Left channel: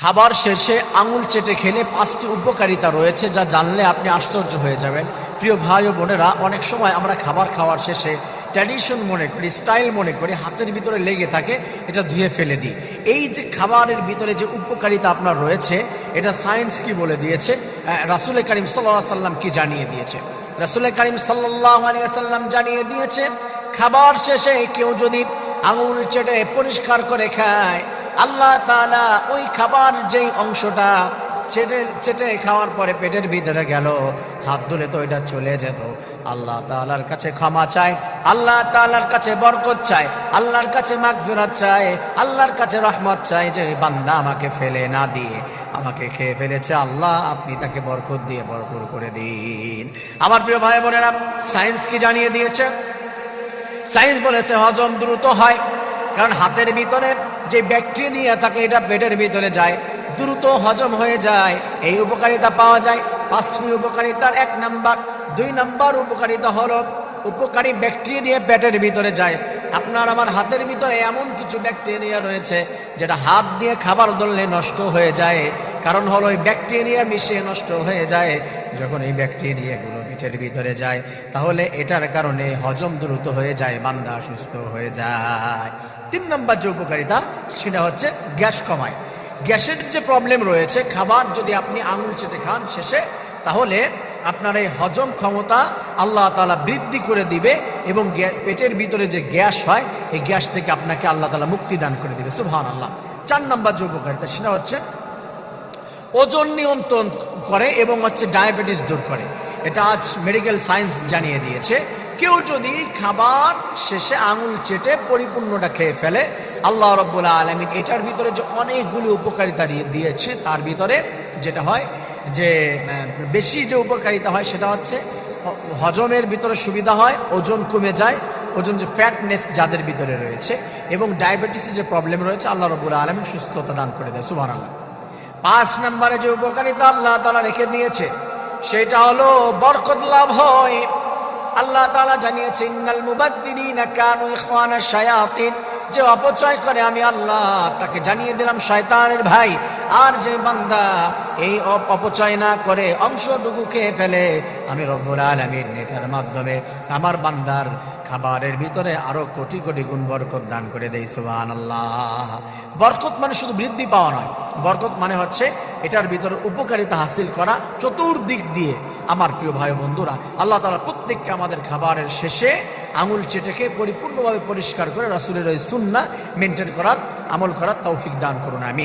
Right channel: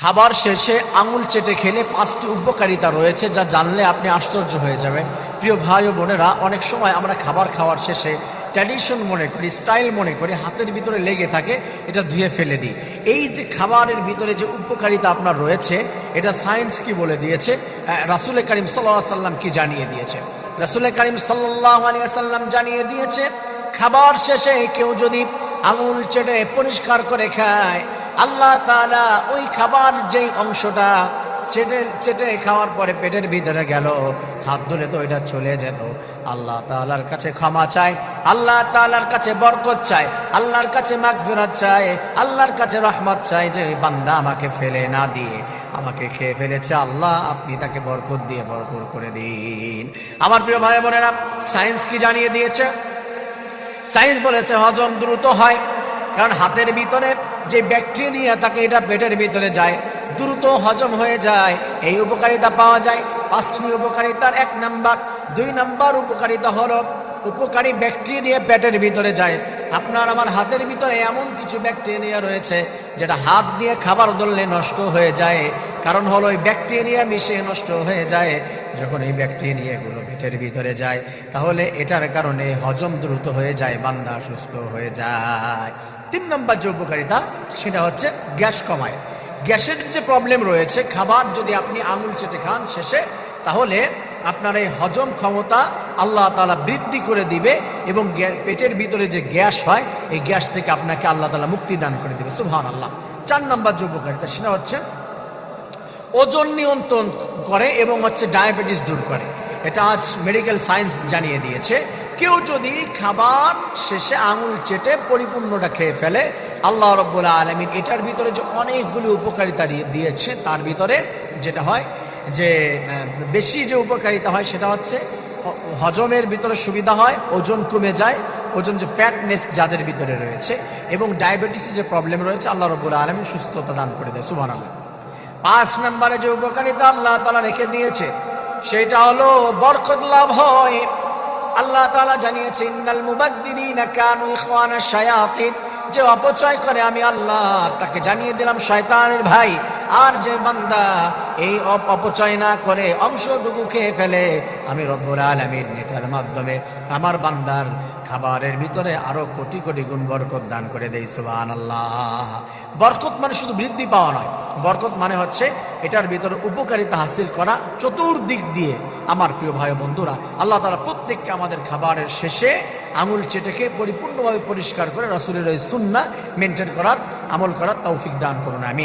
খাবার শেষে আঙুল চেটে খেলে 5টি উপকারিতা রয়েছে, যা জানলে আপনি আশ্চর্য হয়ে যাবেন। প্রিয় ভাই ও বোনেরা, অনেক সময় আমরা খাবার খাওয়ার শেষে ট্র্যাডিশন মনে করি, স্টাইল মনে করি, হাতের ভিতরে লেগে থাকে, এটা ধুয়ে ফেলে দিই। এই যে খাবারের ভিতরে যে উপকারিতা আপনার রয়েছে, এটা সায়েন্স কি বলে দিয়েছে, রাসূল করিম সাল্লাল্লাহু আলাইহি ওয়াসাল্লাম কি জানিয়ে দিয়েছে। রাসূল করিম সাল্লাল্লাহু আলাইহি ওয়াসাল্লাম জানিয়ে দিয়েছে, খাবার শেষে কেউ যদি আঙুল চেটে পরিষ্কার করে খায়, আল্লাহ তাআলা ওই খাবার যেই অংশটা চেটে খাওয়ার পরে পেটের ভিতরে গেল, হাত ধরে তো এটা চলে যেত, আল্লাহ তাআলার কাছে ক্ষমা চায়, আল্লাহ তাআলার কাছে বরকত চায়, আল্লাহর কাছে মাগফিরাত চায়, আল্লাহর কাছে রহমত চায়, যে বান্দা আমাকে ফেলে না দিয়ে আমাকে খেয়ে ফেলেছে, আল্লাহ আপনি তাকে বরকত দিয়ে ভরপুর করে দিন। আমার প্রিয় ভাই বোনেরা, সায়েন্স কি জানিয়ে দিয়েছে? সায়েন্স বলেছে হজম দ্রুত হয়, কারণ হাতের ভিতরে যে ব্যাকটেরিয়া থাকে এটা পেটের ভিতরে যায়, দ্রুত হজম হয়ে যায়। এই উপকারিতা পাওয়া যায় 5টি উপকারিতার 1 নাম্বার। 2 নাম্বার উপকারিতা হলো উপকারী ব্যাকটেরিয়া পেটের ভিতরে যায়। আপনার আমার হাতের ভিতরে এমন কিছু ব্যাকটেরিয়া রয়েছে যেটা হাত দিয়ে খাবার ধরলে নষ্ট হয়ে যায়, কারণ হলো এই ব্যাকটেরিয়া মিশিয়ে নষ্ট হয়ে যায়। যখন এই ব্যাকটেরিয়াগুলো পেটের ভিতরে যায়, তাহলে এটার কারণে হজম দ্রুত হয়ে যায়, বান্দা সুস্থ হয়ে যায়। 3 নম্বর যে উপকারিতা, সেটা হচ্ছে গ্যাস কমায়। গ্যাসের যে প্রবলেম রয়েছে, খাবার যদি আপনি আঙুল চেটে খান শেষে, তাহলে আপনার এই হজম ক্ষমতা আল্লাহ তাআলা বৃদ্ধি করে দিবে, এবং পেটের ভিতরে যে গ্যাস হয়, এই গ্যাস থেকে আপনাকে আল্লাহ তাআলা মুক্তি দান করে দিবে। সুবহানাল্লাহ। 4 নম্বর যে উপকারিতা, সেটা হচ্ছে ওজন নিয়ন্ত্রণ করে এবং ডায়াবেটিস দূর করে। এটা আজ মেডিকেল সায়েন্স জানিয়ে দিয়েছে। কেউ যদি খাবার শেষে আঙুল চেটে পরিপূর্ণটা খেয়ে ফেলে, আল্লাহ রাব্বুল আলামিন এটার ভিতরে যে অনেকগুলো উপকারিতা দিয়েছে, তার ভিতরে যেটা হয় যে বেশি যে উপকারিতা হয়, সেটা হচ্ছে হজমের ভিতরে সুবিধা হয়, ওজন কমে যায়, ওজন যে ফ্যাটনেস যাদের ভিতরে রয়েছে, এবং ডায়াবেটিসের যে প্রবলেম রয়েছে, আল্লাহ রাব্বুল আলামিন সুস্থতা দান করে দেয়। সুবহানাল্লাহ। 5 নম্বরে যে উপকারিতা আল্লাহ তাআলা রেখে দিয়েছে, সেটা হলো বরকত লাভ হয়। আল্লাহ তাআলা জানিয়েছে, ইন্নাল মুবাদদিরিনা কানু ইখওয়ানাশ শায়াতিন, যে অপচয় করে আমি আল্লাহ তাকে জানিয়ে দিলাম শয়তানের ভাই। আর যে বান্দা এই অপচয় না করে অংশটুকু খেয়ে ফেলে, আমি রব্বুল আলামিন এটার মাধ্যমে আমার বান্দার খাবারের ভিতরে আরো কোটি কোটি গুণ বরকত দান করে দেই। সুবহানাল্লাহ। বরকত মানে শুধু বৃদ্ধি পাওয়া নয়, বরকত মানে হচ্ছে এটার ভিতরে উপকারিতা হাসিল করা চতুর্দিক দিয়ে। আমার প্রিয় ভাই বন্ধুরা, আল্লাহ তাআলা প্রত্যেককে আমাদের খাবারের শেষে আঙুল চেটে খেয়ে পরিপূর্ণভাবে পরিষ্কার করে রাসূলের ওই সুন্নাহ মেনটেন করার, আমল করার তৌফিক দান করুন। আমি